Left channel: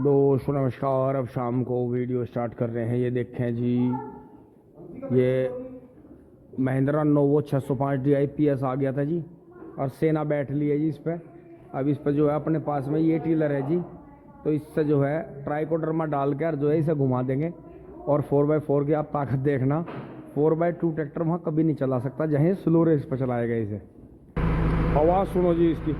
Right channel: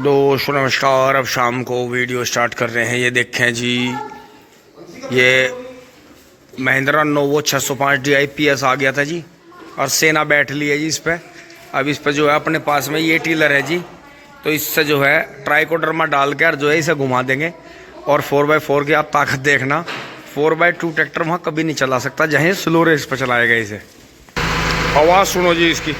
दोस्तों नमस्कार। अब शाम को वीडियो स्टार्ट कर रहे हैं। ये देखें जी, ये महिंद्रा नोवो 605 DI आ गया था जी, और सेना बैठ ली है जी इस पर। अब इस पर जो है अपने पास में ये टीलर है जी, तो इससे जो है ट्राइकोडर्मा डाल कर जो है इसे घुमा देंगे। और 4x4 की आप ताकत देखना, 4x2 ट्रैक्टर वहाँ कभी नहीं चला सकता जहाँ स्लो रेस पर चलाएगा इसे। आवाज़ सुनो जी इसकी।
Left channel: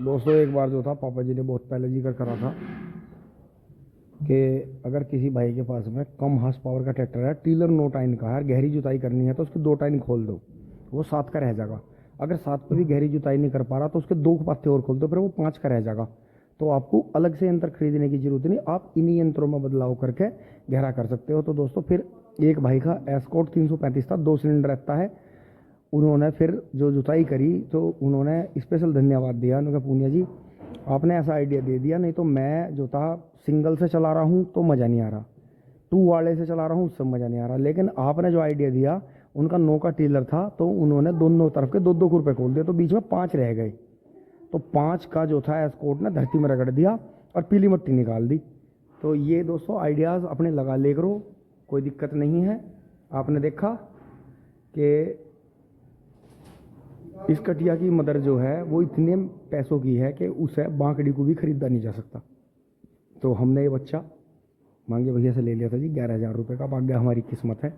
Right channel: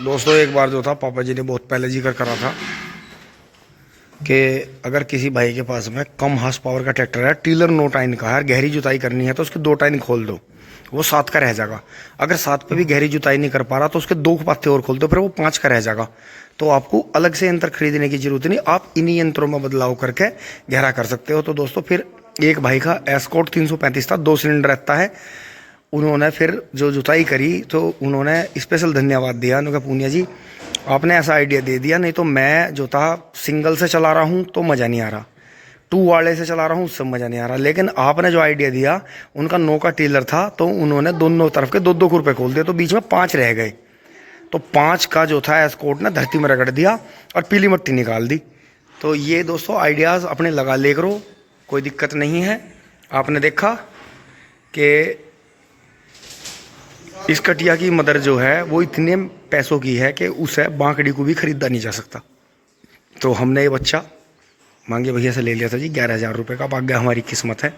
दोस्तों एक बार जो था पापा जी ने बहुत पहले जिक्र करा था कि अगर किसी भाई के पास में कम हार्स पावर का ट्रैक्टर है, टीलर 9 टाइन का है, गहरी जुताई करनी है तो उसके 2 टाइन खोल दो, वो 7 का रह जाएगा। अगर 7 पे भी गहरी जुताई नहीं कर पा रहा तो उसके 2 पाते और खोल दो, फिर वो 5 का रह जाएगा। तो आपको अलग से यंत्र खरीदने की जरूरत नहीं, आप इन्हीं यंत्रों में बदलाव करके गहरा कर सकते हो। तो दोस्तों फिर एक भाई का एस्कॉर्ट 335 था, 2 सिलेंडर रहता है। उन्होंने फिर जो जुताई करी तो उन्होंने स्पेशल धन्यवाद दिया। उन्होंने कहा पूनिया जी आपने ऐसा आइडिया दे दिया, नहीं तो मैं जो था सिंगल से चला रहा हूँ तो मज़ा नहीं आ रहा, 2 वाले से चला रहा हूँ उससे मज़ा नहीं आ रहा। लेकिन आपने जो आइडिया दिया, उनका 9 का टीलर था तो उन्होंने दोनों तरफ के 2-2 रुपये खोल दिए, तो बीच में 5 रह गए। तो 5 का जो था एस्कॉर्ट ने धरती में रगड़ दिया और पीली मिट्टी निकाल दी। तो ये दोस्तों आइडियाज़ अपने लगा ले करो, कोई दिक्कत नहीं है। आपने देखा कि इस कटिया की मदर जो है वो इतने पैसों की है कि उसे बांकड़ी को भी खरीदा नहीं जा सकता। तो हमने ये बच्चा मांगे भैया से ले लिया था जी 11,000 रुपये का। अब आगे हमारी किस्मत है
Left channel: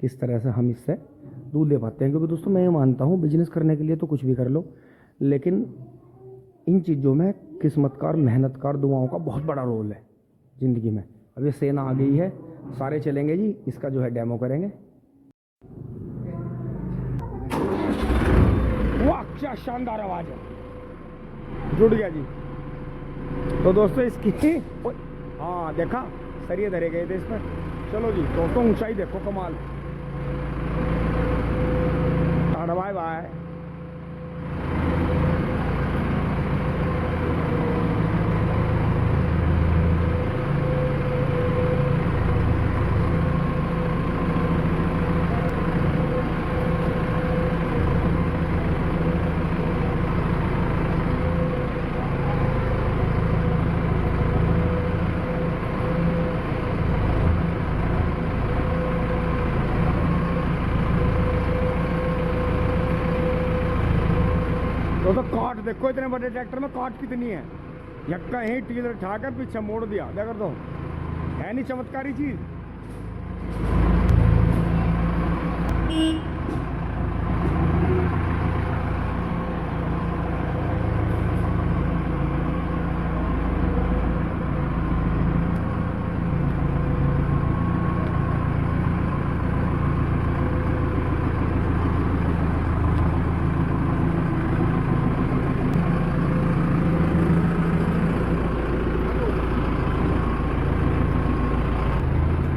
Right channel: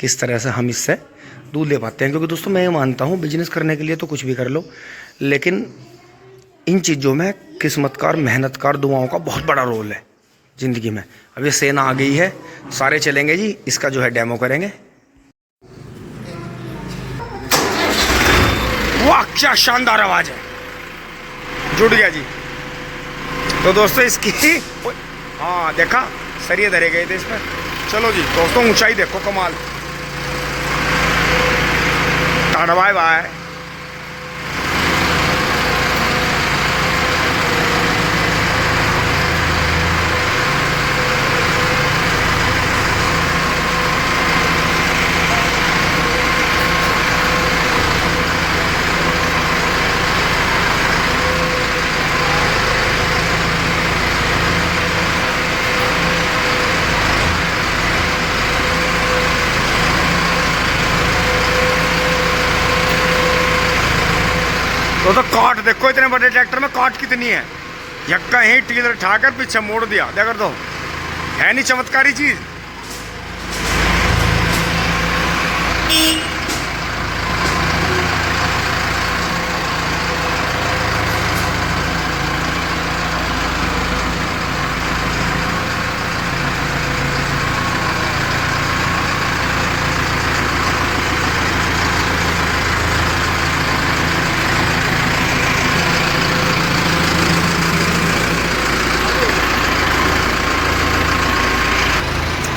किस तरह से हम इससे दूध ले पाते हैं। क्योंकि दोस्तों मैं ये मानता हूँ बिजनेस करने के लिए तो कुछ भी कर लो, लेकिन इन चीज़ों में किस्मत का और मेहनत का और दुआओं का बहुत बड़ा रोल है ज़िंदगी में। अब ये सेना आ गई है, सारे चलेंगे जी, इसका जो है डेमो करेंगे। वाह क्या शानदार आवाज है, जुड़ गया जी। तो दोस्तों इसकी हाँ देखा सरिये धरे गए थे इस पर। चलो जी दोस्तों ऊंचाई देखो कमाल। टाटा बाय बाय। तो काट देखो, इतने बड़े ट्रैक्टर में काट कितनी है। यक्का ही टीलर उठाकर पीछे मोड़ दिया, देखो तो है नहीं चमत्कारी चीज।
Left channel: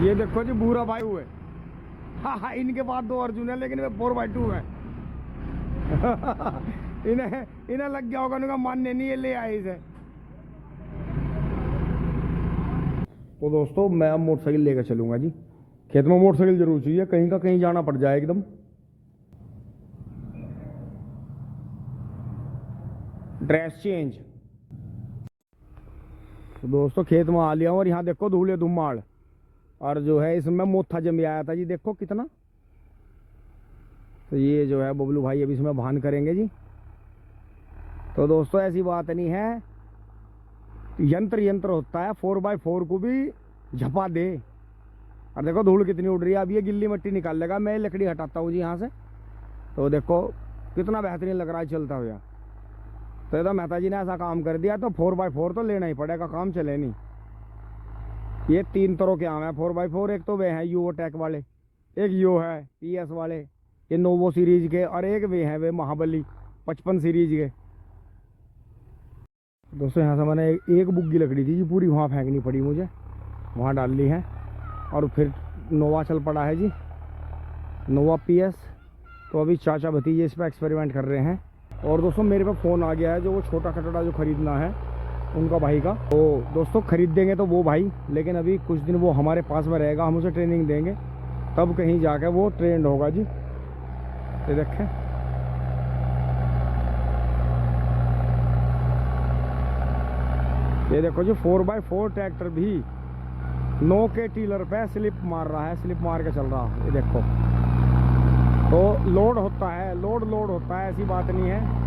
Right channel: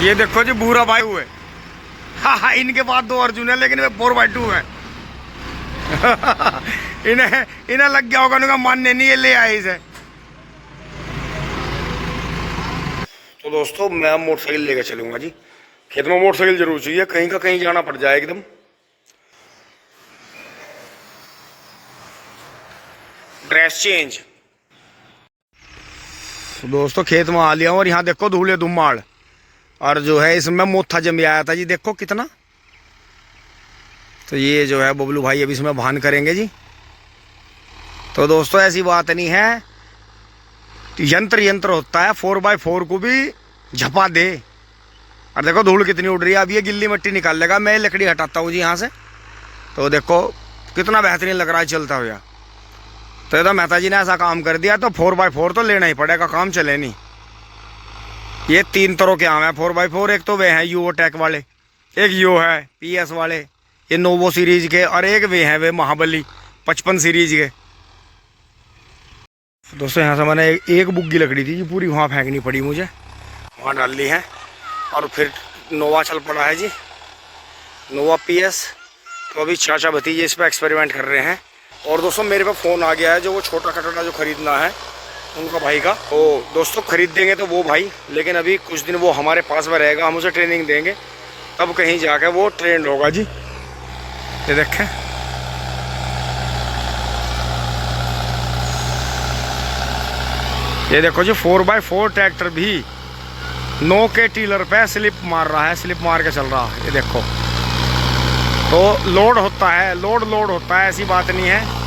ये देखो जी भूरा भाई हुए। हाँ इनके पास 2 अर्जुन है, लेकिन वे 4x2 है। इन्हें लग गया होगा, उनका मानने नहीं, ये ले आए इसे। तो दोस्तों मैं मोटरसाइकिल लेकर चलूंगा जी, खेत में मोटरसाइकिल जरूर चाहिए, कहीं का कहीं जाना पड़ जाए एकदम। Dress change. तो दोस्तों खेत में आ लिया हूं और यहाँ देखो धूले धुमाड़, और जो है इसमें मोथा जम आया था जी, देखो कितना। तो ये जो है बबलू भाई अभी इसमें भान करेंगे जी। तो दोस्तों ऐसी बात नहीं है, यंत्र होता है, 4x4 को भी झपा दे। और देखो धूल कितनी उड़ रही है। अब ये गिल्ली मिट्टी निकाल लेगा, मैं लकड़ी हटाता हूँ जी यहाँ से। तो देखो कितना बेहतरीन लग रहा है चलता हुआ। तो ये तो मेहता जी ने ऐसा काम कर दिया, तो 4x4 तो लेना ही पड़ेगा, काम चले नहीं। ये 3 तरह के आम है 4x4। एक तो वे हैं यूओ टेक वाले, एक यो है PS वाले, ये नोवो सीरीज के, और एक वे हैं वे महाबली 55 सीरीज के। दोस्तों यहाँ से मैंने एक बुग्गी लकड़ी थी जी पूरी वहाँ फेंकनी पड़ी मुझे, वहाँ डाल ली है। और फिर नोवा चल पड़ा है जी, नोवा PS। तो अभी चाचा भतीजे इस पर एक्सपेरिमेंट कर रहे हैं। और दोस्तों मेरे पे फ़ोन आ गया है, जो वो छोटा कटोरा जो ख़रीदना है उनका भाई का। तो दोस्तों खरीद देंगे तो वो भाई, लेकिन अभी कुछ दिन वो हमारे पास में रहेगा, हम उसे ट्रेनिंग देंगे, तब कहीं जाकर वो ट्रेंड होगा जी। ये देखें, ये देखो जी 4x4 ट्रैक्टर भी 9 के टीलर पे स्लिप मार रहा है, स्लिप मार के चल रहा है। ये देखो, तो लोड होता है, लोड होता है, ऐसी बात नहीं है।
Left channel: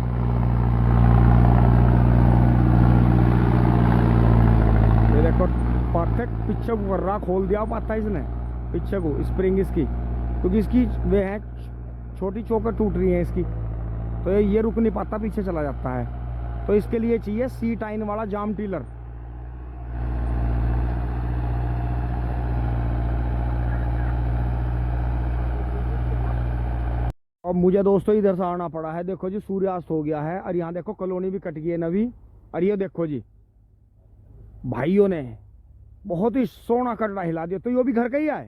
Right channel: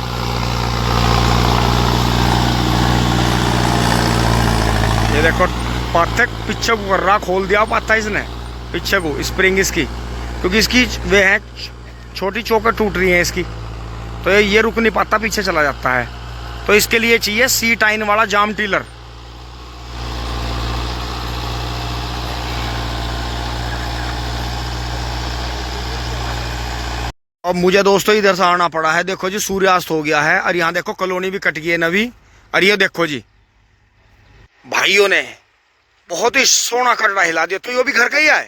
ये देखो पाथक पीछे को कर रहा, खोल दिया पाथा इसने पीछे को, स्प्रिंग इसकी, क्योंकि इसकी वे है छोटी चौकट टूट रही है इसकी, तो ये रुक नहीं पाता, पीछे चला जाता है। तो इसके लिए चाहिए सी टाइन वाला जाम टीलर। अब मुझे दोस्तों इधर से आना पड़ा है, देखो जी सूर्यास्त हो गया है, और यहाँ देखो कॉलोनी भी कट गई है नवी। और ये देखो जी भाइयों ने बहुत ही सोना कटड़ा हिला दिया। तो ये भी घर का ही है,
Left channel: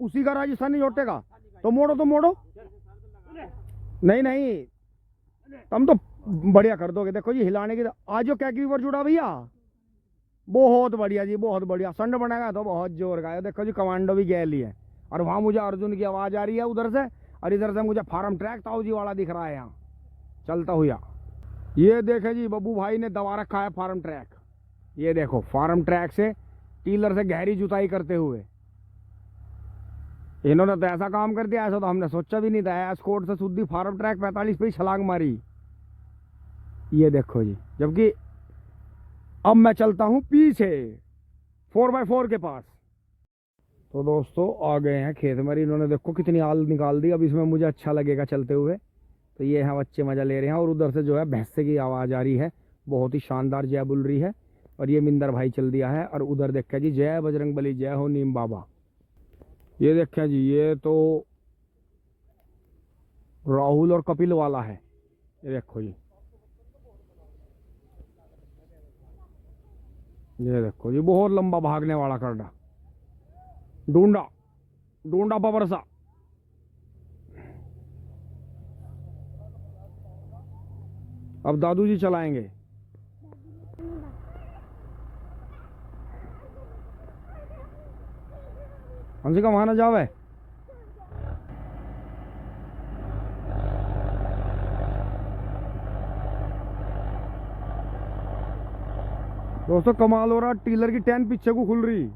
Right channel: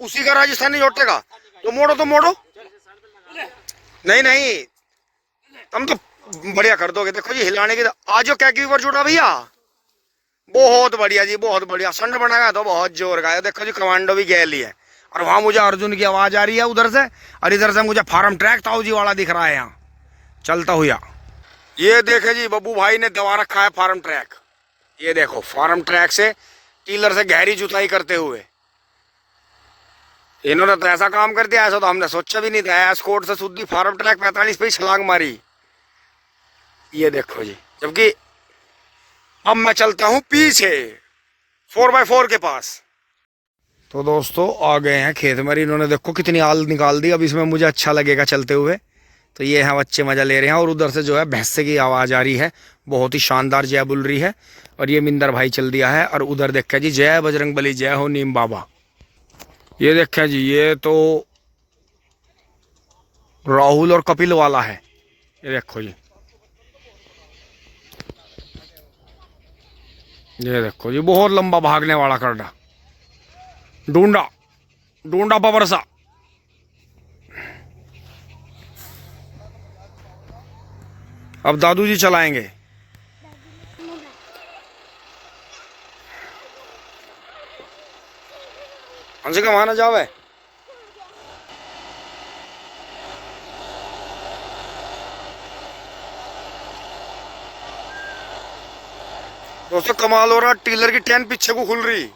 उसी का राजस्थानी जोटे का। तो मोड़ो तो मोड़ो, नहीं नहीं हम तो बढ़िया कर दोगे। देखो जी हिलाने की आज जो क्या की ऊपर जुड़ा भैया, बहुत बढ़िया जी, बहुत बढ़िया। संड बनाया तो बहुत जोर का है। देखो जी कमांडो भी गैली है, और वहां मुझे अर्जुन की आवाज आ रही है उधर से, और इधर से मुझे फार्म ट्रैक ताऊ जी वाला दिख रहा है यहाँ चलता हुआ। ये देखे जी बब्बू भाई ने दबा रखा है फार्म ट्रैक। ये देखो फार्म ट्रैक से टीलर से गहरी जुताई करते हुए इन्होंने तो ऐसा काम कर दिया, ऐसा तो हमने सोचा भी नहीं था। एस्कॉर्ट से सुद्धी फार्म ट्रैक 45 पे ही छलांग मारी। ये देखो जी, जबकि अब मैं चलता हूं पीछे 4x4 के पास। तो दोस्तों आ गए हैं खेत में, इन्होंने देखो कितनी आल निकाल दी। अब इसमें मुझे अच्छा लगेगा चलते हुए। तो ये है बच्चे मजा ले रहे हैं, और उधर से जो है भैंसे की आवाज़ आ रही है, बहुत ही शानदार जय बोल रही है। और ये मिंदर भाई चल दिया है, और उधर देखा जी जय बजरंग बली, जय हो नीम बाबा। ये देखा जी ये तो राहुल और कपिल वाला है। ये देखो जी, ये देखो जी बहुत लंबा भागने वाला करडा, ढूंढा ढूंढा बबरसा। अब दादू जी चलाएंगे। हमसे कहाँ ना जावे। दोस्तों कमाल हो रहा, टीलर की टैन पीछे को खुल रही।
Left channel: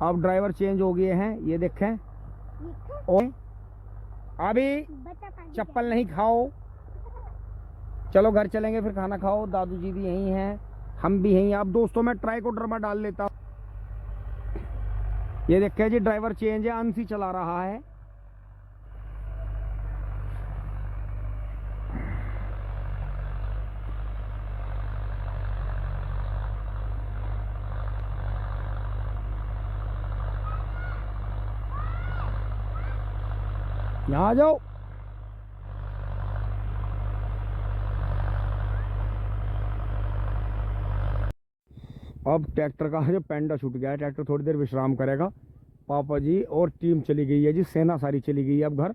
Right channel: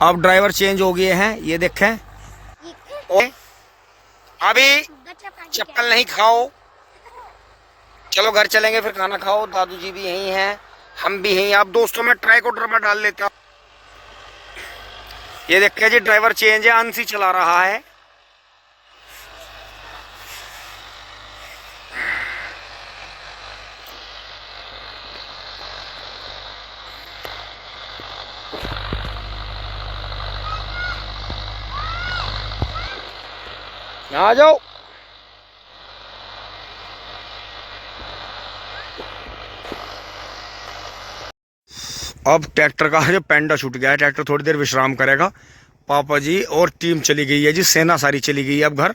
अब ड्राइवर चेंज हो गए हैं, ये देखें। अभी चप्पल नहीं खाओ, चलो घर चलेंगे फिर खाना खाओ। दादू जी भी यहीं हैं, हम भी यहीं। आप दोस्तों में ट्राइकोडर में डाल लेता हूँ। ये देखिए जी ड्राइवर चेंज है, अंशी चला रहा है। यहाँ आ जाओ। अब ट्रैक्टर का जो पेंडा छूट गया है, ट्रैक्टर थोड़ी देर विश्राम करेगा। पापा जी और टीम चली गई है जी, सेना सारी चली गई है। अब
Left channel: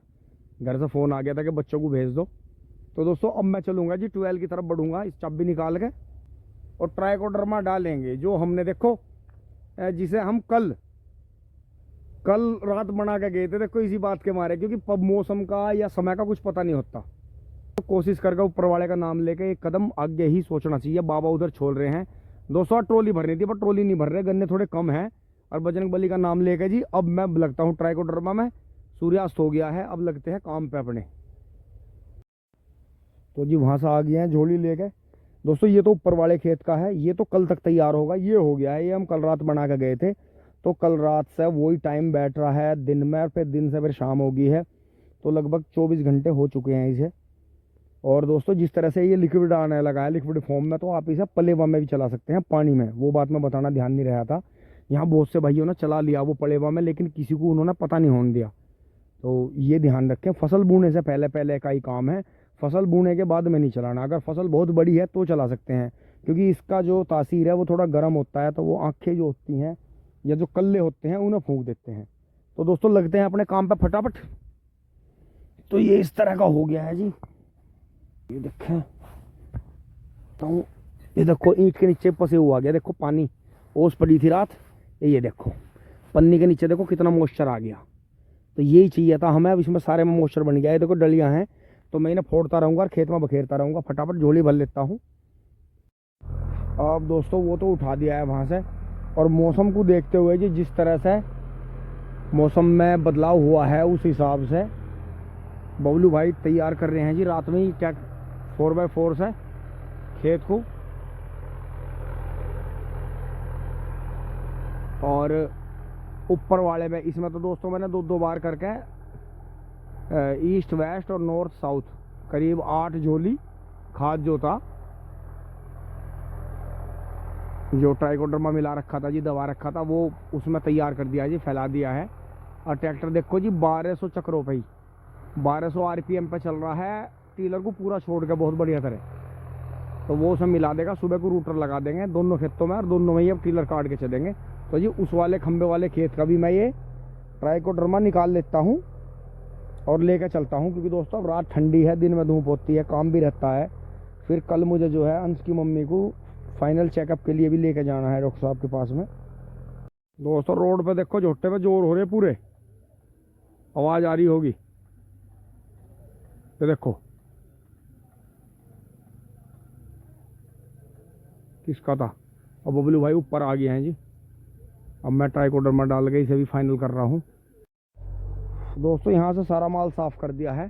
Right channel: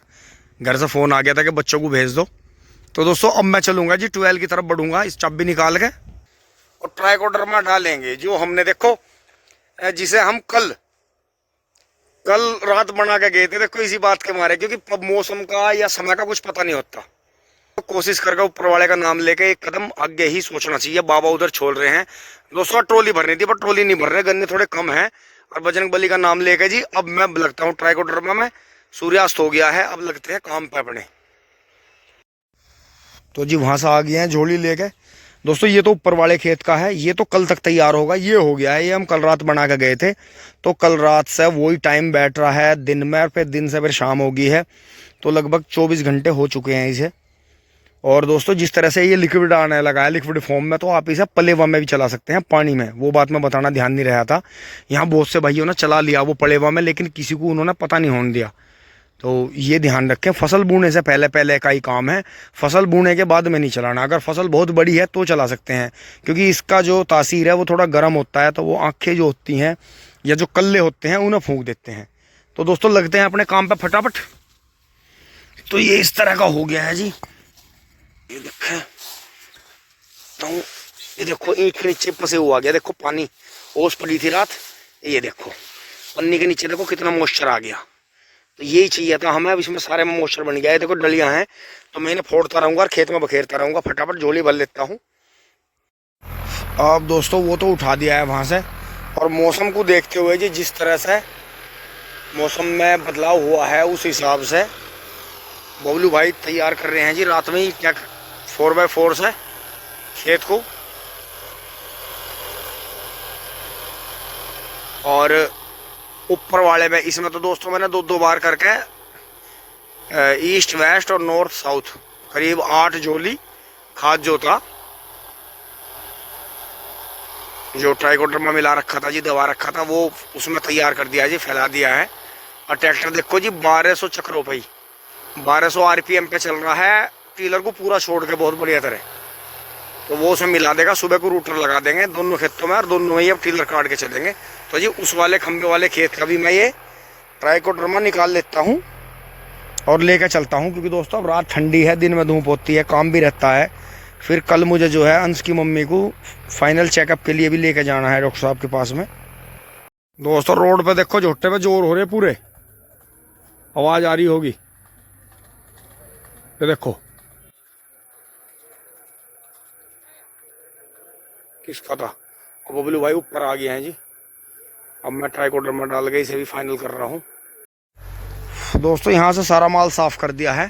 घर से फ़ोन आ गया था कि बच्चों को भेज दो। तो दोस्तों अब मैं चलूँगा जी 12 की तरफ बढ़ूँगा, इस चाबी निकाल के और ट्राइकोडर में डालेंगे जो हमने देखो, जिसे हम कल रात बना के गए थे। देखो इसी बात के मारे, क्योंकि मौसम का या समय का कुछ पता नहीं होता, तो कोशिश करके ऊपर वाले का नाम लेके एक कदम आगे ही सोचना चाहिए। बाबा उधर छोड़ रहे हैं दोस्तों, ट्रॉली भरनी थी पर ट्रॉली नहीं भर रहे, गन्ने थोड़े कम हैं। और बजरंग बली का नाम लेके जी अब मैं लगता हूँ ट्राइकोडर में। सूर्यास्त हो गया है, अब लगते हैं काम पे अपने। तो जी वहाँ से आ गए हैं झोली लेके। दोस्तों ये तो ऊपर वाले खेत का है, ये तो कल तक तैयार होगा। ये हो गया है, ये हम कल रात बना के गए थे, तो कल रात से वही टाइम बैठ रहा है दिन में, और फिर दिन से फिर शाम हो गई है, तो लगभग 24 घंटे हो चुके हैं इसे। और दोस्तों जिस तरह से ये लिक्विड आने लगा है लिक्विड फॉर्म में, तो आप इसे पलेवा में भी चला सकते हैं, पानी में। वो बात मैं बताना ध्यान नहीं रहा था। यहाँ बहुत से भाइयों ने चला लिया वो पलेवा में, लेकिन किसी को उन्होंने पता नहीं होने दिया। तो ये ध्यान रखें, फसल बोने से पहले का ही काम है, फसल बोने के बाद में नहीं चलाना। अगर फसल बहुत बड़ी है तो चला सकते हैं, क्योंकि इसका जो तासीर है वो थोड़ा गर्म होता है, तो वो आँखें जो होती हैं या जो कल्ले होते हैं उन्हें फूंक देते हैं। तो दोस्तों लगते हैं अपने काम पर फटाफट। तो ये इस तरह का हो गया है जी, ये देखें। दिखाता हूँ। ये देखो ईंट के नीचे फंसे हुआ गया, देखो पानी ओस पड़ी थी रात, ये देखो पन्नी के नीचे देखो कितना मॉइस्चर आ गया। तो यही चाहिए था हमें, अब इसमें सारे में मॉइस्चर बन गया है। देखो डलियां हैं, तो मैं इन्हें फोड़ता रहूँगा और खेत में बखेरता रहूँगा। फटाफट झोली भर लेता हूँ। अब दोस्तों वो तो उठा दिया है वहाँ से, और मौसम को देखते हुए जी जिस तरह से मौसम में बदलाव हुआ है उस हिसाब से बबलू भाई तैयार कर रहे हैं जी रात में ही क्या 4x4 से खेत को। और ऊपर वाले में इसमें तो दोस्तों मैंने दो बार करके ईस्ट वेस्ट और नॉर्थ साउथ करीब 8 झोली खाद जो था, जो ट्राइकोडर्मा मिला रखा था जी, दवा रखा था, वो उसमें तैयार कर दिया जी, फैला दिया है। और ट्रैक्टर देखो जी 1200 चक्रों पे ही 1200 आरपीएम पे चल रहा है, टीलर को पूरा छोड़ के बहुत बढ़िया तरह। तो वो उसमें मिला देगा, सुबह को रूटर लगा देंगे दोनों खेतों में, और दोनों में ही अब टीलर काट के चलेंगे। तो जी उस वाले खंबे वाले खेत का भी मैं ये ट्राइकोडर्मा निकाल लेता हूँ और लेकर चलता हूँ, क्योंकि दोस्तों अब रात ठंडी है, दिन में धूप होती है, काम भी रहता है। फिर कल मुझे जो है अंश की मम्मी को फाइनल चेकअप के लिए भी लेके जाना है डॉक्टर साहब के पास में। दोस्तों रोड पे देखो झोट्टे पे जोर हो रहे पूरे, आवाज़ आ रही होगी, ये देखो किसका था। और बबलू भाई ऊपर आ गए हैं जी। अब मैं ट्राइकोडर्मा डाल के इसे भी फाइनल कर रहा हूँ। दोस्तों यहाँ से सारा माल साफ कर दिया है,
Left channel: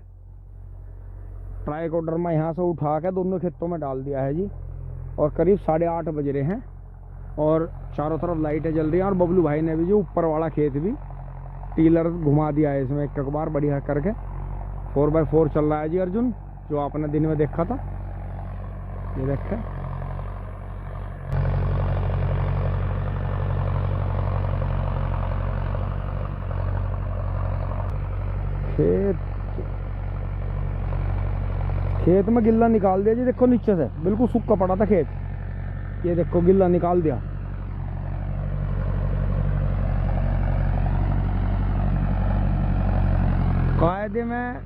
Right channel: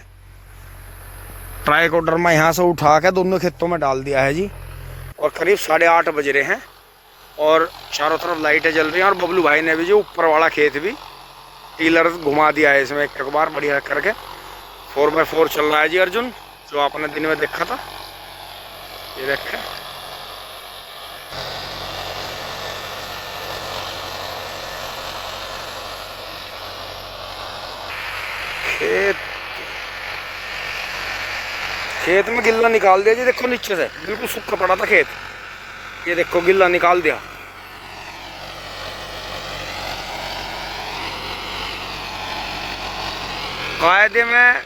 ट्राइकोडर्मा यहाँ से उठा के दोनों खेतों में डाल दिया है जी। और करीब 8:30 बज रहे हैं और चारों तरफ लाइटें जल रही हैं। और बबलू भाई ने भी जो ऊपर वाला खेत भी टीलर घुमा दिया है इसमें एक बार बढ़िया करके। 4x4 चल रहा है जी अर्जुन, जो आपने दिन में देखा था, ये देखे। खेत में गिल्ला निकाल दिया जी, देखो नीचे से बिल्कुल सूखा पड़ा था खेत, ये देखो गिल्ला निकाल दिया। कायदे में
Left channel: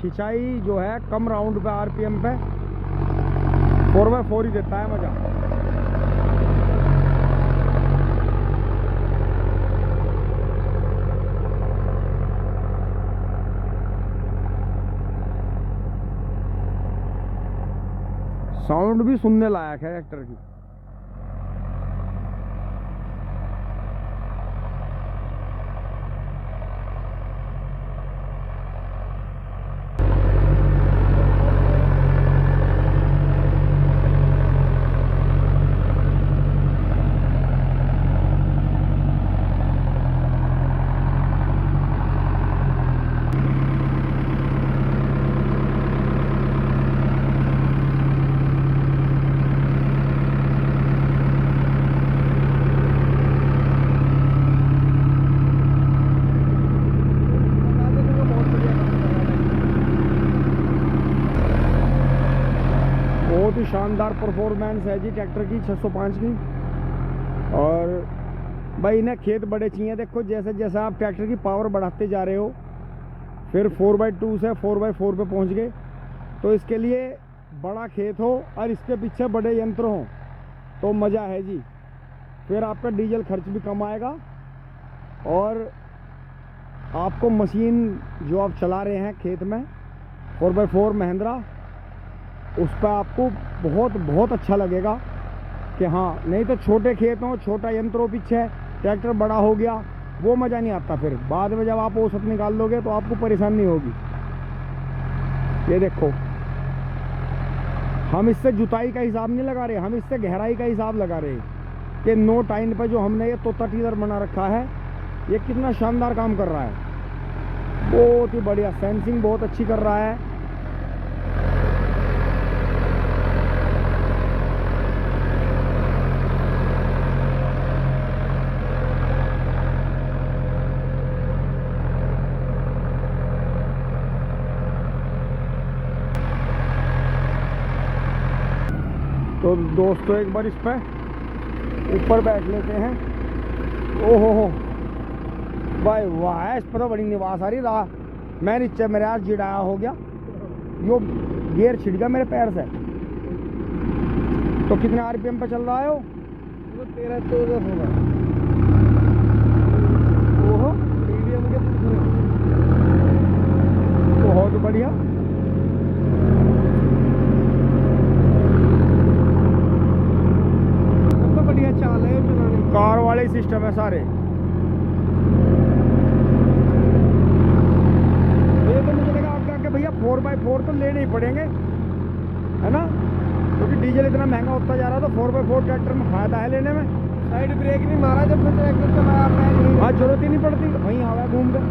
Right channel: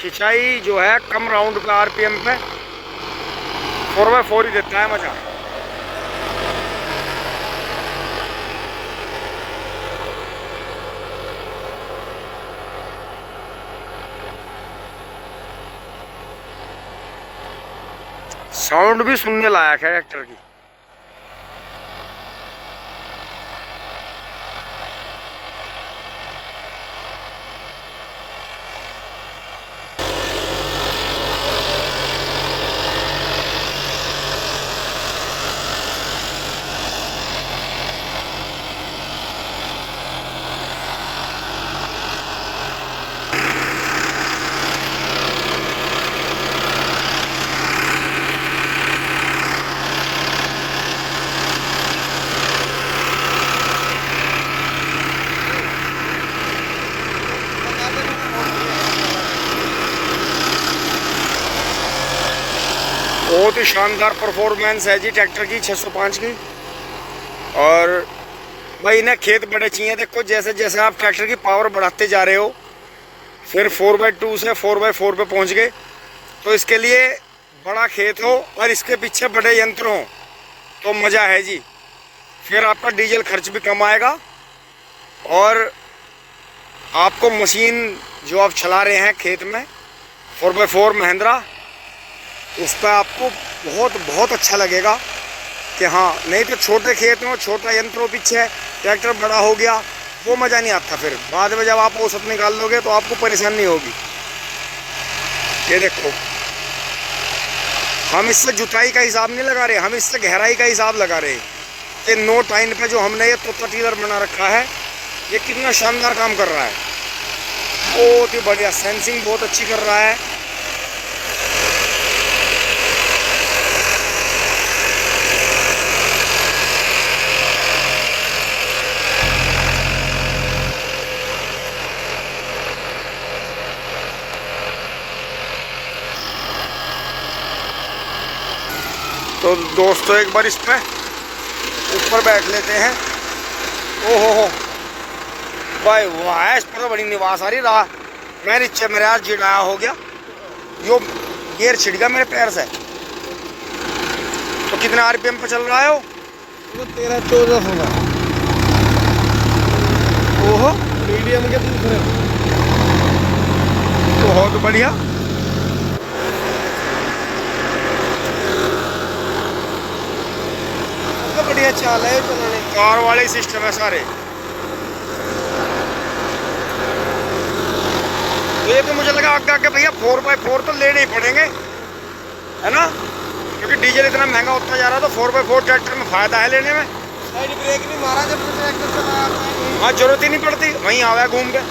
खिंचाई जो है कम राउंड पे आरपीएम पे 4x4 ही देता है मजा। साउंड भी सुनने लायक है ट्रैक्टर की। बहुत ही शानदार परफॉर्मेंस है जी ट्रैक्टर की 605 की। और भाई इन्हें खेत बड़े चाहिए, देखो जैसे जैसे आप ट्रैक्टर की पावर बढ़ाते जा रहे हो, फिर 4x2 से 4x4 पे पहुंच गए, तो इसके लिए बड़ा खेत हो और इसके पीछे बड़े यंत्र हों तो मज़ा है जी। फिर आपका डीजल खर्च भी कम आएगा और आपको मशीन जो आप चला रहे हैं खेत में 4x4 महिंद्रा, उस पर आपको बहुत बहुत अच्छा लगेगा कि हाँ। नहीं तो छोटे खेत में छोटा यंत्रों पीछे ट्रैक्टर बड़ा हो गया, वो मज़ा नहीं आता। फिर बाद में जब आप औसत निकाल लोगे तो आपको परेशानी होगी। ये देखो हम इससे जुताई का हिसाब नहीं लगा रहे, हम इससे गहराई का हिसाब लगा रहे कि नो टाइन पे जो हमने ये तोता टीलर बना रखा है, ये कितना शानदार काम कर रहा है, बहुत ही बढ़िया। सेंसिंग बहुत अच्छी कर रहा है। तो दोस्तों एक बार इस पे ऊपर बैठ लेते हैं। ओहो हो भाई वाह, इस पर तो बड़ी निवास आ रही रहा। मैं नीचे मेरे हाथ जिड़ाया हो गया, यो गियर छिड़ गया मेरे पैर से। तो कितने आरपीएम पे चल रहा है वो? 13-14 होगा। ओहो, मीडियम के दूसरे बहुत बढ़िया। तो बढ़िया चाल है चलने। कार वाले सिस्टम है सारे। तो ये तो मुझे लगा आगे आगे भैया 4x4 तो लेने ही पड़ेंगे, है ना? क्योंकि डीजल इतना महंगा होता जा रहा है, तो 4x4 ट्रैक्टर में फायदा है लेने में। साइड ब्रेक नहीं मारा जब से ट्रैक्टर चलाया आपने। हाँ, जरूरत ही नहीं पड़ती, वहीं आवा घूम के।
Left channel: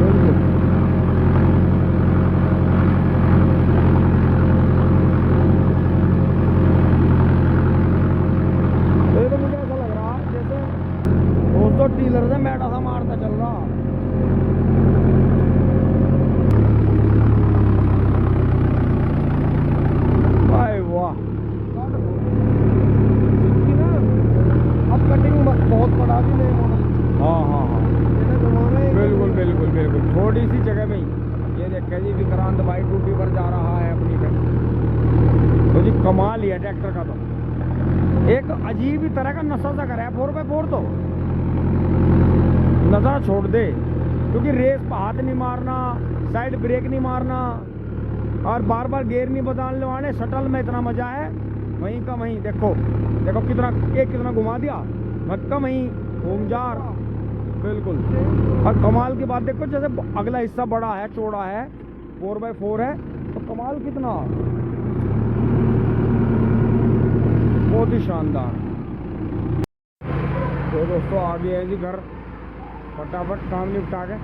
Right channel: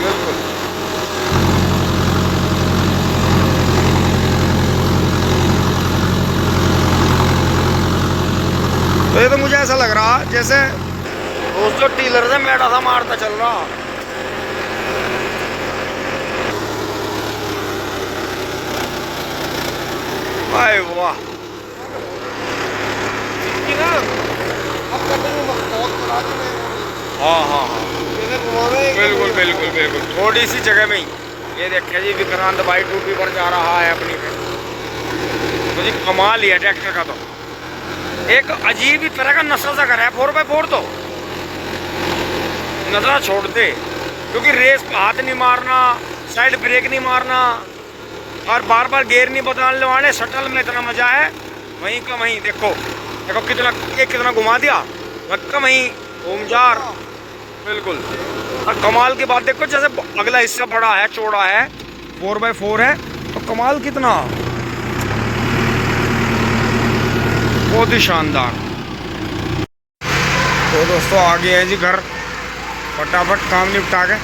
बिल्कुल। तो ये तो मुझे ऐसा लग रहा जैसे दोस्तों टीलर से मेड़ा सा मारता चल रहा। वाह वाह। कि ना अब कटिंग बहुत बड़ा चले। हाँ हाँ हाँ, इधर घुमावे बिल्कुल बिल्कुल बिल्कुल, थोड़ी सी जगह में ही। ये देखिए जी, विक्रांत भाई टूपी पर जा रहा है अपनी पे। तो जी कमाल ही है ट्रैक्टर का, तो एक अजीब ही तरह का नशा सा करा है 4x4 तो। नशा छोड़ दे, क्योंकि रेस पे हाथ नहीं मारना, साइड ब्रेक नहीं मारना, और बार बार गियर नहीं बदलने वाले। शटल में इतना मजा है, वहीं का वहीं देखो देखो कितना, एक कितना घुमा दिया, धक्का वहीं घूम जा। बिल्कुल। और कमाल की बात देखो, जैसे अगला हिस्सा बड़ा है, चौड़ा है, 4x4 है, तो कमाल कितना, बहुत ही शानदार। तो दोस्तों आ गए हैं जी घर, फटाफट काम निपटा के।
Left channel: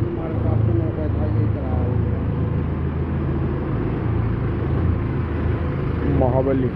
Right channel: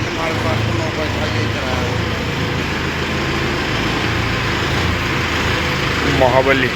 हमारे पास तो 9 पैसा यही चला है। महाबली।